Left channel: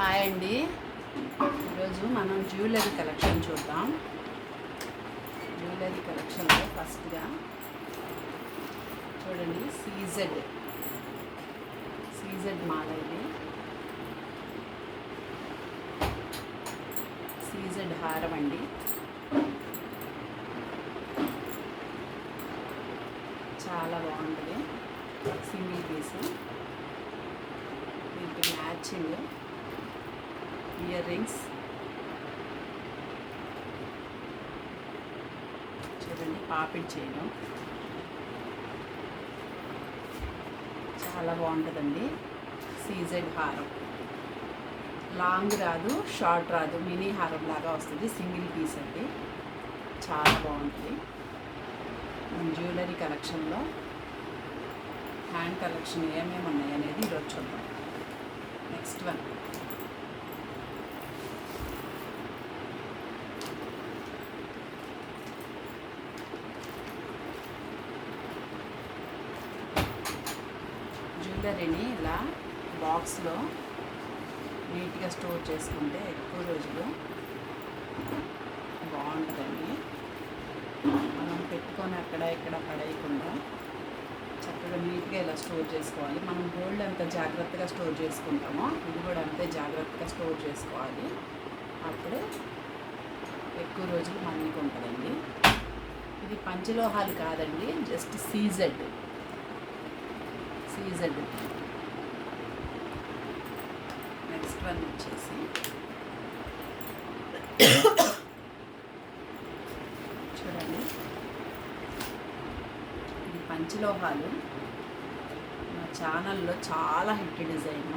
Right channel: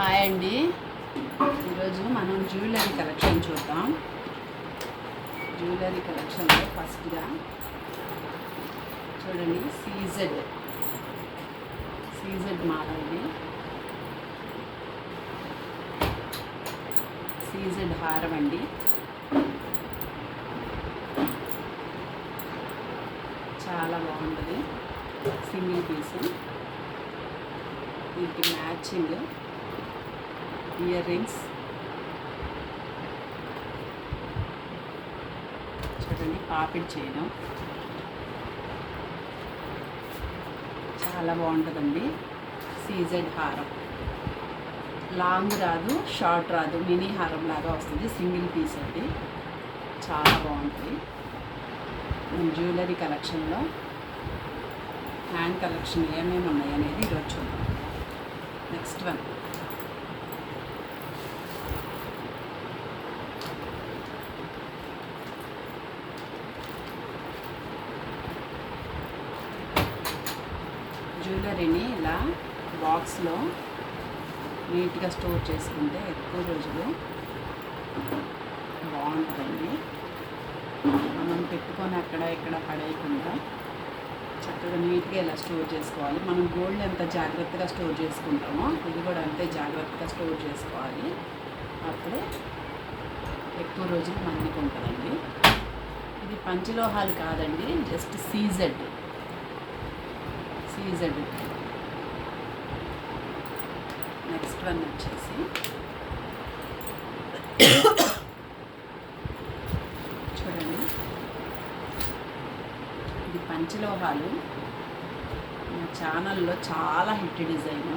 Hi అండి. ఈరోజు మనం జ్యువెలరీ కలెక్షన్ చూద్దాం. జ్యువెలరీ కలెక్షన్లో ఫస్ట్గా చూడండి సీజెడ్ మాల ఇది. సీజెడ్ హారం అండి. చాలా బాగుంటుంది. Single piece. వీటికి మ్యాచింగ్ ఇయర్ రింగ్స్ చూడండి. పాపిడ్ చేయడం చాలా బాగుంటుందండి. సీజెడ్ హారం లాంగ్ రాదు, షార్ట్ రాదు, మినీ హారం లాగా వస్తుంది. సింగిల్ పీస్ అండి. చాలా బాగుంటుంది. మన జ్యువెలరీ కలెక్షన్లో హ్యాండ్ కలెక్షన్ ఏమేమి ఉన్నాయి అనేది ఈరోజు చూద్దాం. నెక్స్ట్ వన్ జ్యువెలరీని ఇలా బాక్స్లో నీట్గా స్టోర్ చేసుకుంటే ఎక్కువ రోజులు బాగుంటుందండి. మనం పెట్టుకొని అక్కడ ఇక్కడ పడేయకుండా చక్కగా నీట్గా ఇలా స్టోర్ చేసుకోవాలి. మనం గోల్డ్ ఎంత జాగ్రత్తగా స్టోర్ చేసుకుంటామో ఇది కూడా అంతే జాగ్రత్తగా స్టోర్ చేసుకోవాలి. అప్పుడే ఎక్కువ రోజులు మన్నిక ఉంటుందండి. ఇది పంచలోహాలు కాదండి, జస్ట్ సీజెడ్. నెక్స్ట్ వన్ వచ్చేసి చూడండి. ఇది పంచలోహాలు. మా ఛానల్లో చాలా హిట్ డిజైన్.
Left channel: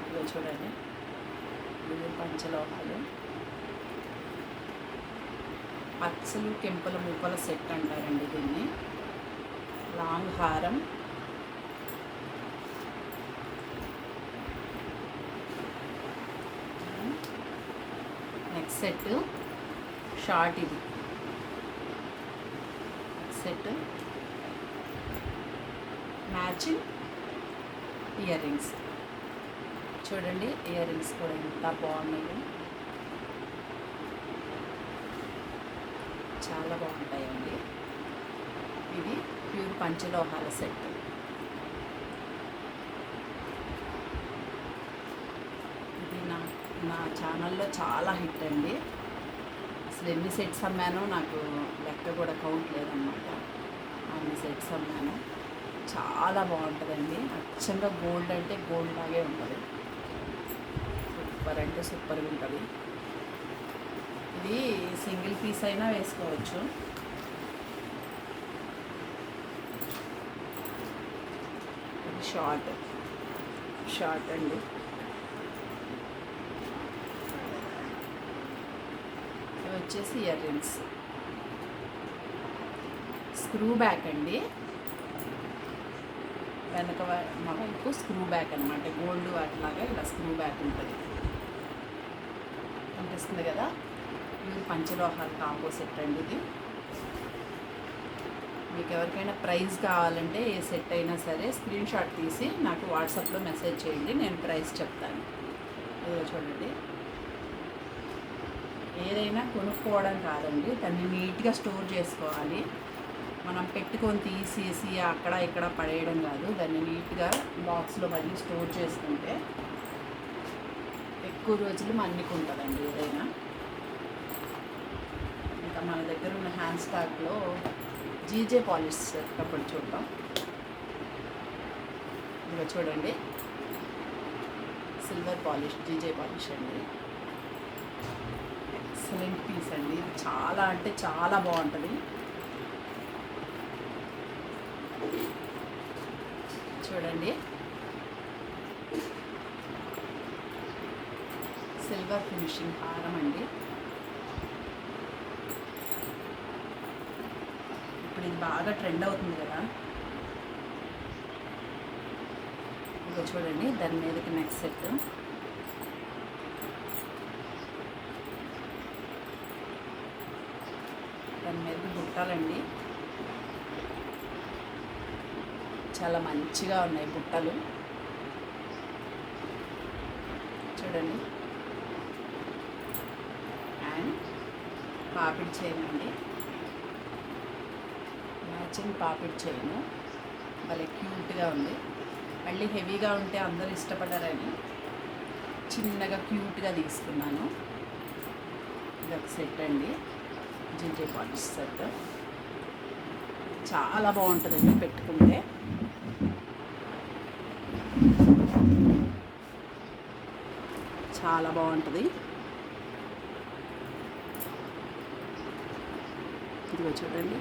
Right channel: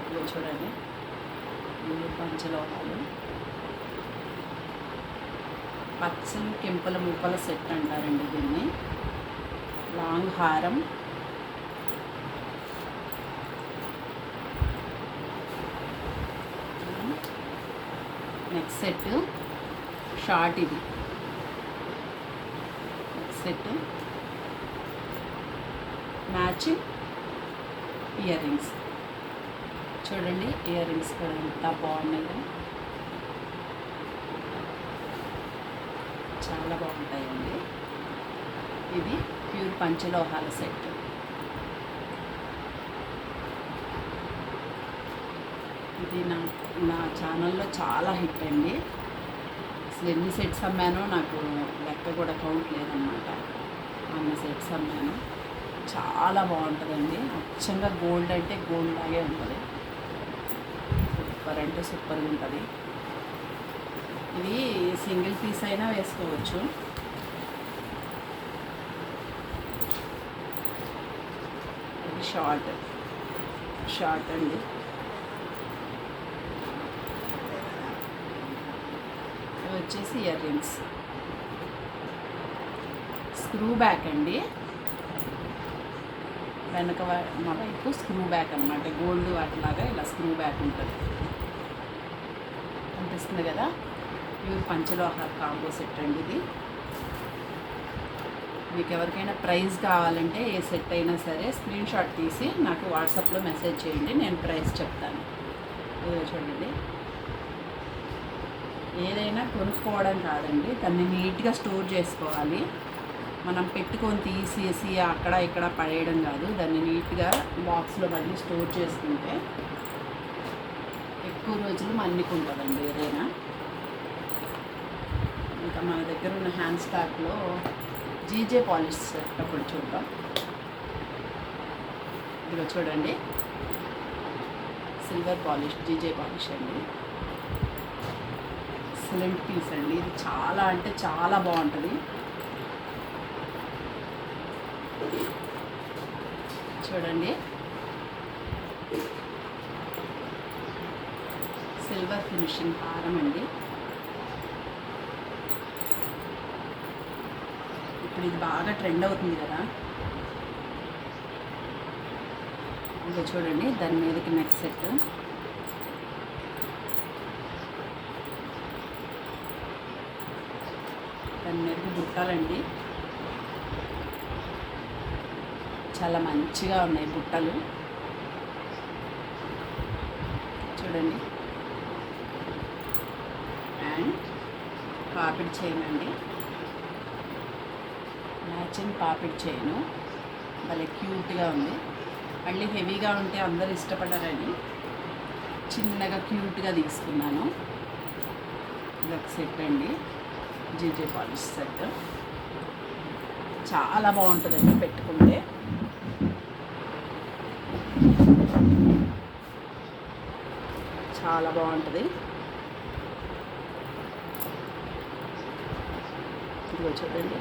ఇదిగో చూడండి. ఇవి పంచలోహాలు. పచ్చలు కెంపుల ముప్పల సెట్ అంటారండి దీన్ని. లాంగ్ హారం, నెక్స్ట్ సెట్ షార్ట్. ఇది next set matching earrings. చూడండి ఇయర్ రింగ్స్ కూడా ఎంత బాగున్నాయి. చాలా బాగుంటాయండి. ఇది ప్యూర్ పంచలోహాల సెట్. ఇది నా ఛానల్లో చాలా హిట్ అండి. అసలు ఎన్ని సెట్స్ అమ్మానో నాకు లెక్క కూడా కౌంట్ లేదన్నమాట. అన్ని సెట్స్ అమ్మాను. చాలా బాగుంటుందండి. అచ్చంగా గోల్డ్ అంటే గోల్డ్ లాగే ఉంటుంది. సూపర్ అంటే సూపర్గా ఉంటుంది. ఇది సింగిల్ పీస్ అయినా వేసుకోవచ్చు. ఇది షార్ట్ అండి. వచ్చేసి ఇయర్ రింగ్స్. స్క్రూ బ్యాక్ అండి. వెనక మా వైపు స్క్రూ బ్యాక్ అనమాట. గోల్డ్ వాటిలాగా ఇలా స్క్రూ బ్యాక్ ఉంటుంది. అనిపిస్తుంది కదా. ఇవి పంచలోహాల కాంబో సెట్ అండి. ఇది మీకు ఎవరికైనా ప్రైస్ కావాలంటే ఏ సెట్ అయినా సరే స్క్రీన్ షాట్ తీసి నాకు వాట్సాప్లో మెసేజ్ చేయండి. నేను ప్రైస్ చెప్తాను. ఇదిగో చూడండి. ఏదైనా కొనుక్కోవడం కాదండి, దాన్ని నీట్గా స్టోర్ చేసుకోవాలి. మనం పెట్టుకొని తీసేసి అక్కడ ఇక్కడ పడేయడం కాదు. దాన్ని నీట్గా బాక్స్లో మళ్ళీ స్టోర్ చేసుకుంటే ఎక్కువ రోజులు మన్నికుంటుందండి ఏదైనా. ఇంకా మన దగ్గర ఉన్న హ్యాండ్ స్టాక్లో జీజే పాలిష్ చేసేటప్పుడు చూద్దాం. ఇదిగో చూడండి. సిల్వర్ పాలిష్, జీజే పాలిష్ అండి. ఎక్సలెంట్ పీస్ అండి. ఇది చాలా అంటే చాలా బాగుంటుంది. చూడండి. సిల్వర్ ఫినిషింగ్ హారం అండి. ఇప్పుడు ఇది బాగా ట్రెండ్ అవుతుంది కదా. ఇంకా చూడండి. దాని మీదకి నెక్స్ట్ సెట్. దాని మీదకి బుట్టాలండి. చాలా మంచిగా ఉన్నాయి బుట్టలు. చూడండి. అండ్ పాపిడి చైన్ అండి, మ్యాచింగ్ పాపిడి చైను, భలే క్యూట్గా ఉంది. మళ్ళీ హెవీగా ఉంటే అందరూ ఇష్టపడరని చిన్నగా క్యూట్గా తీసుకున్నాను. ఇది ఒక సెట్ అండి, జీజే పాలిష్ సెట్. చాలా బాగుంటుందండి పెట్టుకుంటే. చాలా బాగుంటుంది. ఇదిగో చూడండి.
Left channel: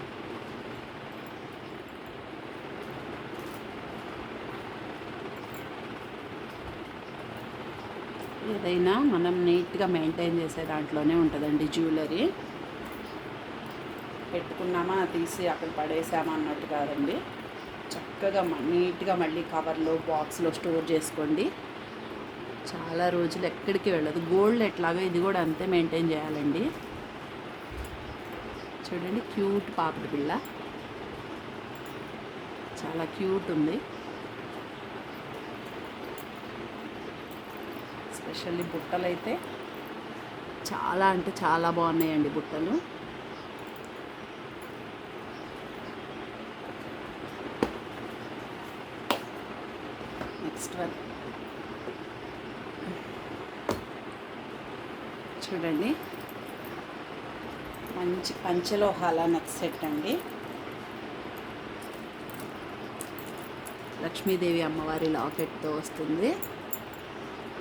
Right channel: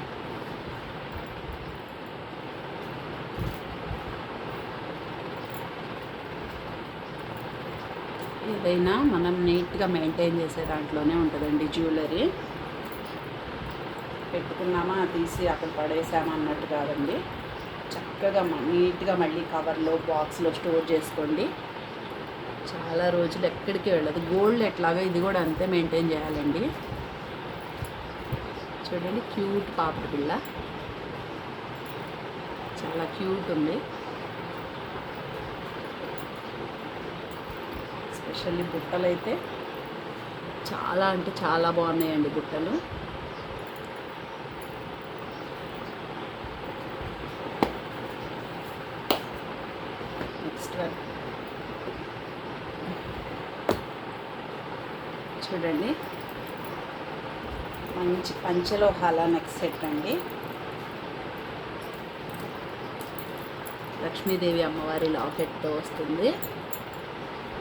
ఏదైనా మనం నీట్గా మెయింటైన్ చేసే దాంట్లోనే ఉంటుందండి జ్యువెలరీ. పెట్టుకున్నామా తీసి అక్కడ పడేసామా అన్నట్టు కాదండి. చక్కగా నీట్గా మళ్ళీ కవర్లో బాక్స్లో స్టోర్ చేసుకోండి. చాలా రోజులు ఎక్కడికి వెళ్ళదు. గోల్డ్ ఎట్లాగో ఇది కూడా అంతే మెయింటైన్ చేయాలండి. చూడండి, క్యూట్ పాపిడి పిల్ల, చాలా క్యూట్ ఉంది. ఎస్పెషల్లీ బుట్టలు అయితే చాలా అంటే చాలా బాగున్నాయండి బుట్టలు. నెక్స్ట్ వన్ చూడండి, మంచి పంచలోహాల నెక్స్ట్ సెట్ అండి. లక్ష్మీదేవి అమ్మవారి లాకెట్తో వస్తుంది.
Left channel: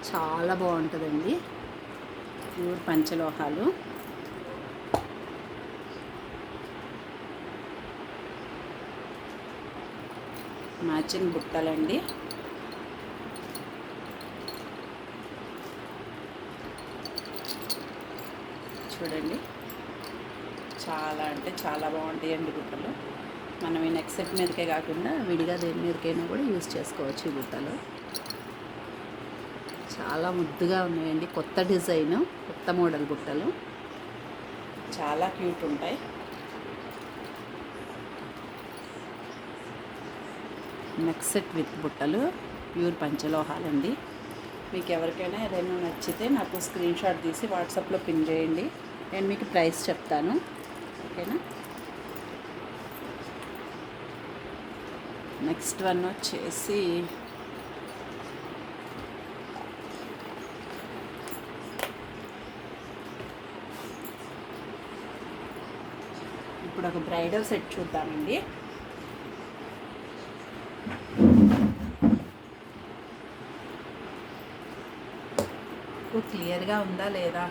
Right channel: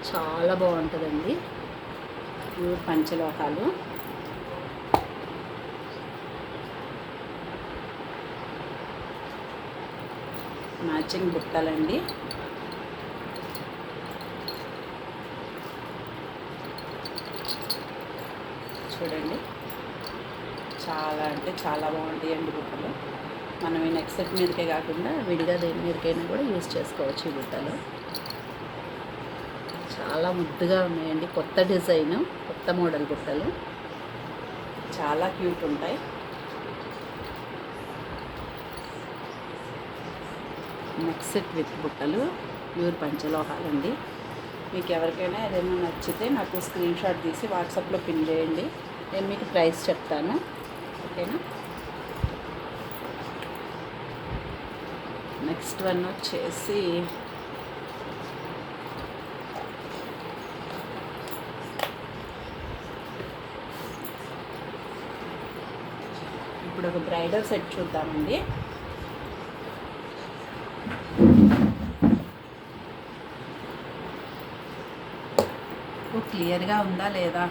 చాలా బాగుంటుందండి. ప్యూర్ పంచలోహాలు. మ్యాచింగ్ బుట్టలండి. చూడండి, చాలా అంటే చాలా బాగుంటాయండి బుట్టలు. మనం ఈ నెక్స్ట్ సెట్ మీదకే కాకుండా విడిగా దేని మీదకైనా కూడా యూజ్ చేసుకోవచ్చు ఈ బుట్టలు. చాలా ముద్దుగా ఉన్నాయండి. కొత్త డిజైన్, కొత్త మోడల్ బుట్టలు చాలా క్యూట్ ఉంటాయి. నెక్స్ట్ సెట్ విత్ బుట్టలు, ప్యూర్ పంచలోహాలండి. మీకు ఎవరికైనా ఏదైనా నచ్చితే నాకు స్క్రీన్ షాట్ తీసి వాట్సాప్లో పిన్ చేయండి. నేను మీకు ప్రైస్ చెప్తాను, ఓకేనా. నెక్స్ట్ వన్ వచ్చేసి ఇప్పుడు ఒక బ్రైడల్ సెట్ చూద్దామండి. క్లియర్గా ఉందా లేదా,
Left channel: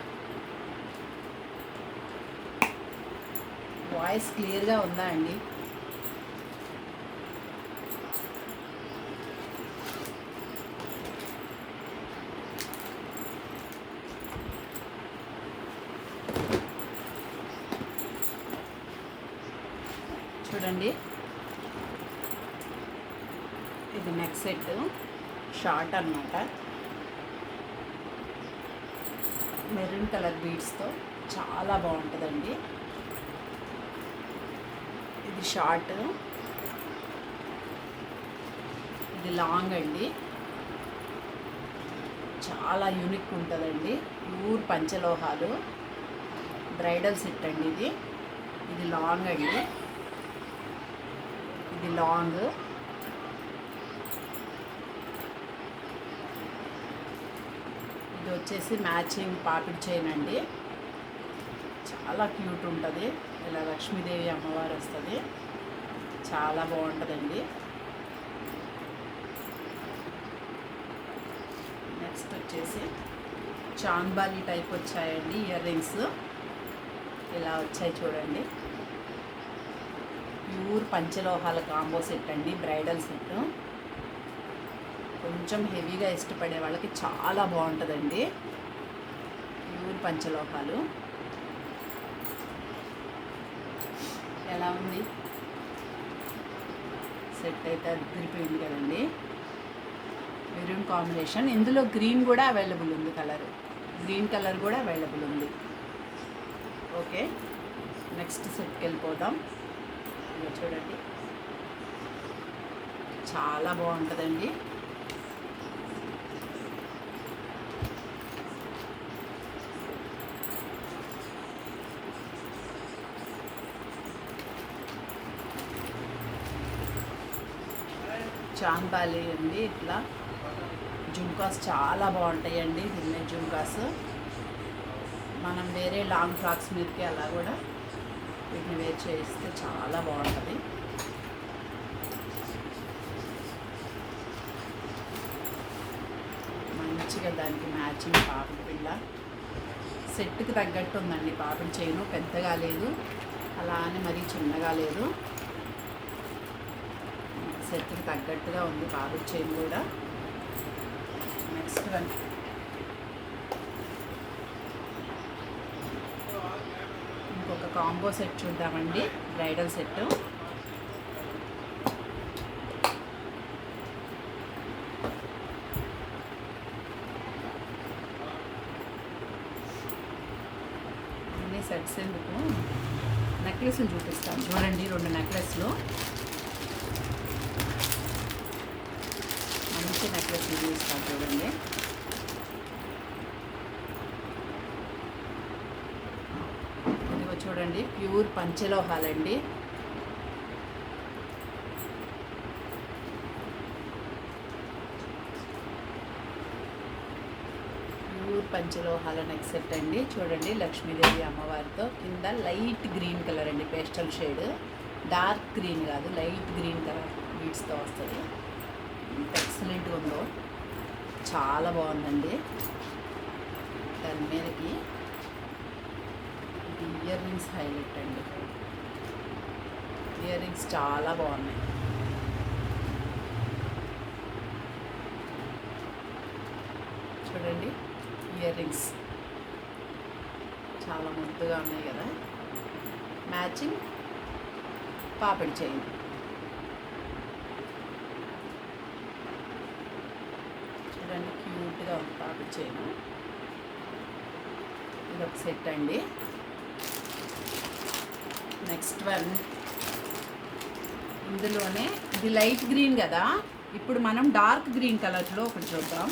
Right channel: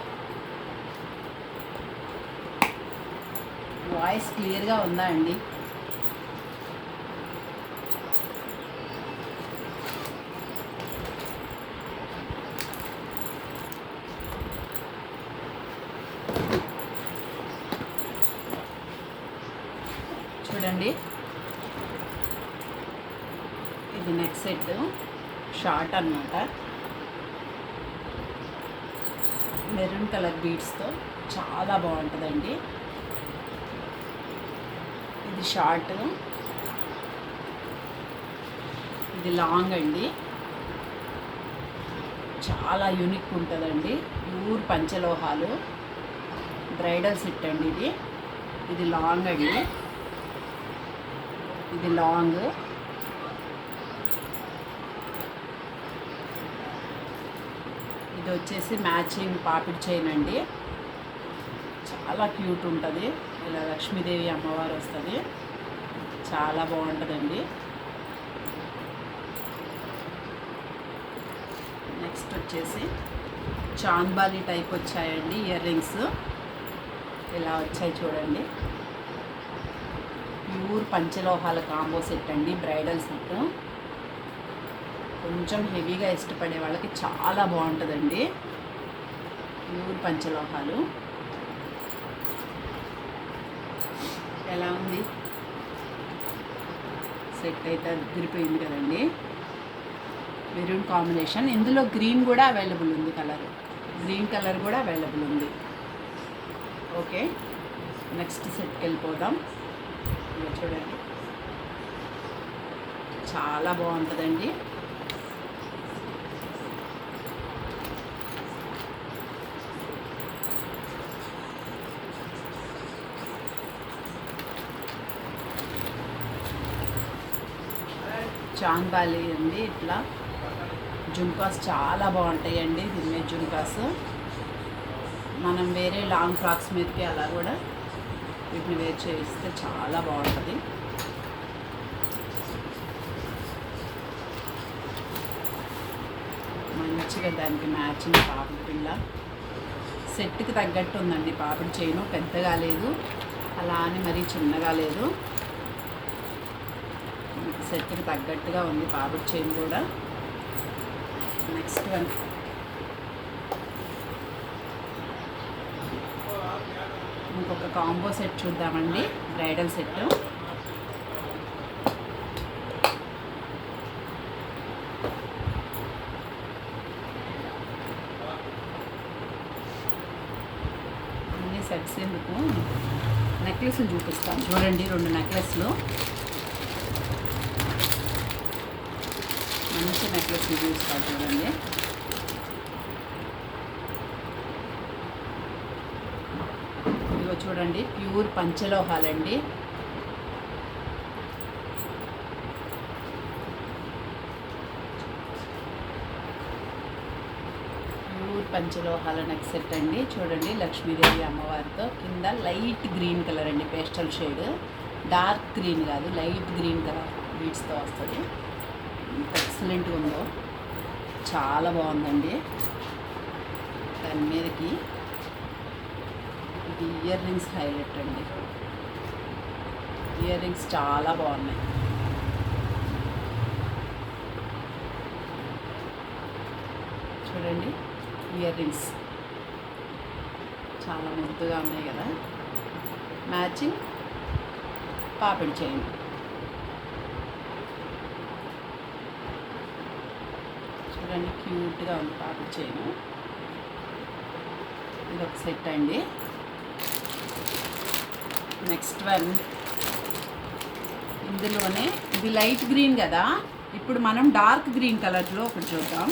వాయిస్ క్లియర్గా ఉందా అండి? చూడండి, ఇది నెక్స్ట్ సెట్ షార్ట్ అన్నమాట. మెరూన్ కలర్ బీడ్స్తో చాలా బాగుంటుందండి. ఇది షార్ట్, ఇది లాంగ్ అండి. చాలా యూనిక్ ఉంటుందండి. ప్యూర్ పంచలోహాలు బ్రైడల్ సెట్ అండి. ఇది లాంగ్ అండి. ఇది లాంగ్. ఇది వచ్చేసి మ్యాచింగ్ పాపిడి చైన్ అండి. చాలా క్యూట్ ఉంటుంది. ఇలా లక్ష్మీదేవి అమ్మవారు వస్తుంది. చాలా బాగుంటుందండి. నెక్స్ట్ వచ్చేసి చాంబాలి టైప్ వచ్చాయండి ఇయర్ రింగ్స్. ఇలా వచ్చాయి చూడండి. ప్యూర్ పంచలోహాల కాంబో సెట్ అండి, బ్రైడల్ సెట్. కొంచెం హెవీగా ఇష్టపడే వాళ్ళకి చాలా బాగుంటుందండి. ప్యూర్ పంచలోహాలు. ఎలా ఉంది సెట్? అయితే అదిరిపోయింది కదండి. Maroon combination. ఇందులో గ్రీన్ కూడా అవైలబుల్ ఉంది, కలర్ గ్రీన్ కలర్ కూడా అవైలబుల్ ఉంది. ఓకే, నెక్స్ట్ సెట్కి వెళ్ళిపోదాం. చూడండి, చాలా బాగుంటుందండి. చాన్బాలి ఉంది. ఇట్లా జుంకాస్ చాలా బాగుంటాయండి. దీని జుంకాస్ మనం వేరే లాంగ్ ఫ్రాక్స్ మీదకి అలా కూడా వీటిని వేర్ చేస్తే చాలా బాగుంటుంది. మంచిగా దానికి మ్యాచింగ్ పాపిడి పిల్ల సెట్కి తగ్గట్టు ఉందండి. పాపిడి చైను పెద్దగా లేదు, అలా అని మరీ చిన్నగా లేదు, సెట్కి తగ్గట్టుగా ఉంది పాపిడి చైన్ కూడా. నెక్స్ట్ వన్ ఇంకొక కాంబో సెట్ చూద్దామండి, బ్రైడల్ సెట్. అన్ని సెట్స్ ఎందుకు నెక్లెస్లు చూపిస్తాను చూడండి. 2 నెక్లెస్లు, మంచి నెక్లెస్లు చూపిస్తాను చూడండి. ఇదిగో చూడండి, ప్యూర్ పంచలోహాలండి. ప్యూర్ పంచలోహాల నెక్ సెట్ అండి. చూడండి, లక్ష్మీదేవి అమ్మవారితో కింద లైట్ గ్రీన్ కలర్ అండి, పేస్టల్ షేడ్, డార్క్ గ్రీన్ కాదు, లైట్ గ్రీన్ కలర్ బీడ్స్తో వస్తుంది. ఎక్సలెంట్గా ఉందో, చాలా బాగుందండి. దాని మీదకి ఇది ఇయర్ రింగ్స్ హైలైట్ అండి. ఇయర్ రింగ్స్ చాలా బాగున్నాయి. చూడండి, ఇయర్ రింగ్స్ చాలా ముద్దుగా ఉన్నాయి కదా. మ్యాచింగ్ పాపిడి చైన్. చూడండి, క్యూట్గా ఉంది పాపిడి చైన్. ఇది ఒక సెట్ అండి. నెక్స్ట్ వన్ ఇందులోనే ఇది లైట్ గ్రీన్ కదా, ఇప్పుడు మనం డార్క్ గ్రీన్ కలర్లో ఒకటి చూద్దాం.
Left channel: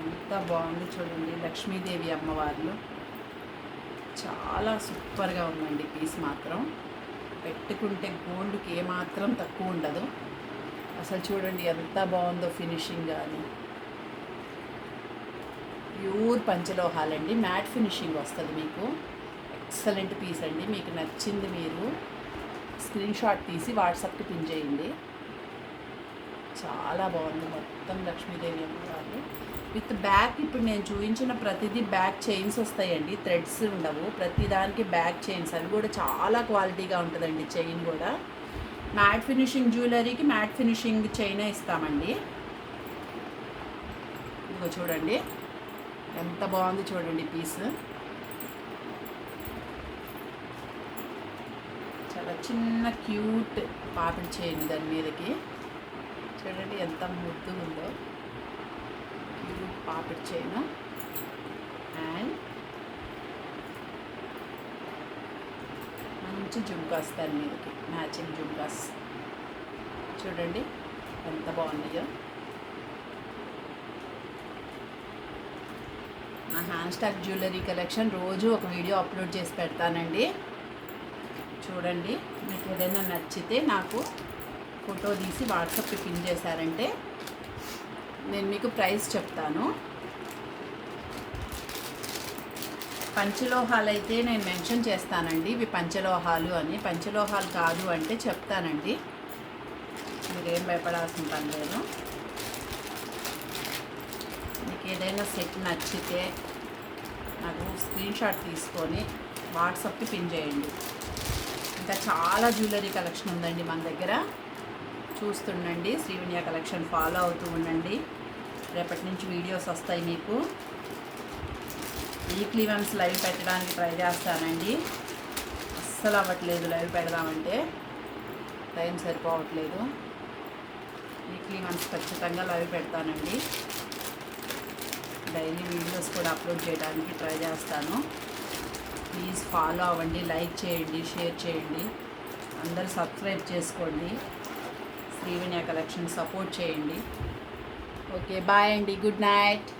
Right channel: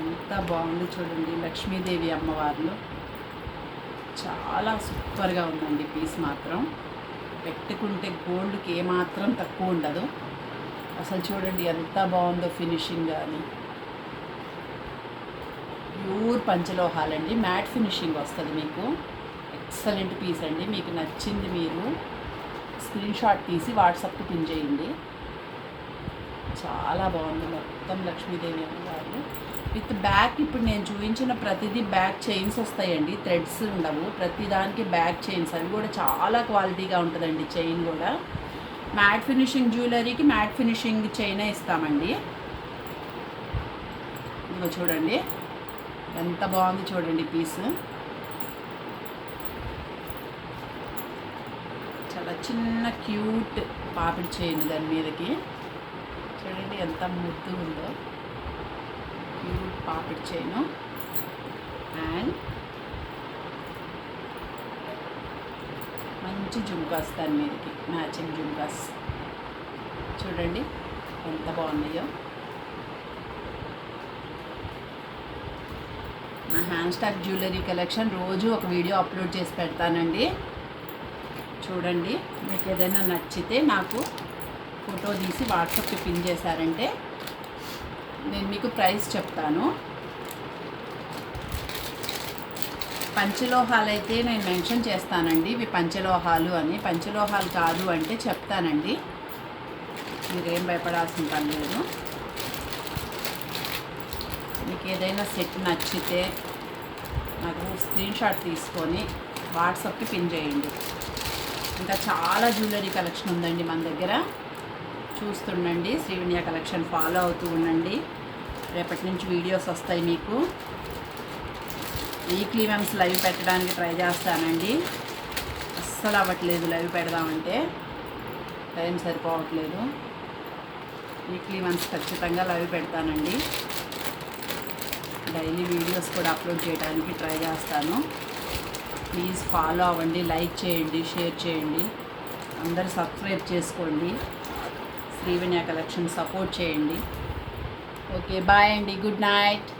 ఎంత బాగుంది చూడండి, లక్ష్మీదేవి అమ్మవార్లు. చాలా సూపర్గా ఉందండి పీస్ మాత్రం. పెట్టుకుంటే గోల్డ్కి ఏమాత్రం తక్కువ ఉండదు. అసలు చూడండి ఎంత బాగుందో ఫినిషింగ్ కానీ. ప్యూర్ పంచలోహాలండి, మ్యాట్ ఫినిషింగ్ వస్తుంది మీకు. ఎక్సలెంట్ పీస్ అండి. మీకు నచ్చింది మీరు స్క్రీన్ షాట్ తీసి వాట్సాప్కి పిన్ చేయండి. చాలా బాగుంది. మొత్తం లక్ష్మీదేవి అమ్మవారు విత్ బ్యాక్. ఇప్పుడు నేను చూపించిన ప్రతిదీ బ్యాక్ చైన్స్ వస్తాయండి, థ్రెడ్స్ ఉండవు. ప్రతిదానికి బ్యాక్ చైన్స్, అవి కూడా చాలా క్వాలిటీగా ఉంటుందండి. చైన్ కూడా మ్యాట్ ఫినిషింగ్, జ్యువెలరీకి మ్యాట్ ఫినిషింగ్ చైనే ఇస్తామండి. ఇదిగో చూడండి ఎంత బాగుంది చూడండి పీస్. చాలా చిన్న క్యూట్ పాపిడి చైన్ దాని మీదకి. చూడండి ఎంత ముద్దు ఉందో, క్యూట్ పాపిడి చైన్. అండ్ మంచి జుంకాస్ దాని మీదకి, మ్యాచింగ్ జుంకాస్. చూడండి ఎంత బాగున్నాయో. నా హ్యాండ్ స్టాక్ జ్యువెలరీ కలెక్షన్ రోజు ఒక వీడియో అప్లోడ్ చేసి పెడతానండి. చూడండి, మీకు ఏదైనా నచ్చితే నాకు ఫోటో తీసి వాట్సాప్కి పిన్ చేశారంటే నేను మీకు ప్రైస్ చెప్తాను. పంచలోహాలు అయితే నేను మెన్షన్ చేస్తానండి, ఇవి పంచలోహాలు అని. పంచలోహాలు కాదు అంటే చెప్తానండి, మీరేం భయపడాల్సిన పని లేదు. మీకు ఏదైనా సెట్ నచ్చితే నాకు స్క్రీన్ షాట్ తీసుకొని వాట్సాప్కి పిన్ చేయండి. ఇంకా చాలా జ్యువెలరీ కలెక్షన్ ఉందండి మన దగ్గర. చూస్తుండండి, శ్రీవిన్య కలెక్షన్ ఫాలో అవుతూ ఉండండి. రేపటి నుంచి వీడియోస్ వస్తాయి మీకు. వీక్లీ వన్స్ లైవ్ పెట్టడానికి ట్రై చేస్తానండి. అస్సలు అవ్వట్లేదు లైవ్ పెడదామంటే, టైం సరిపోవట్లేదు. వీక్లీ వన్స్ ఖచ్చితంగా లైవ్ పెడతానండి. డైలీ వీడియోస్ కూడా అప్లోడ్ చేయడానికి ట్రై చేస్తాను. ప్లీజ్ ఫాలో అవ్వండి, లైక్ చేయండి, షేర్ చేయండి, అందరూ సబ్స్క్రైబ్ చేసుకోండి. శ్రీవిన్య కలెక్షన్ సపోర్ట్ చేయండి. ఓకే, బాయ్ అండి, గుడ్ నైట్.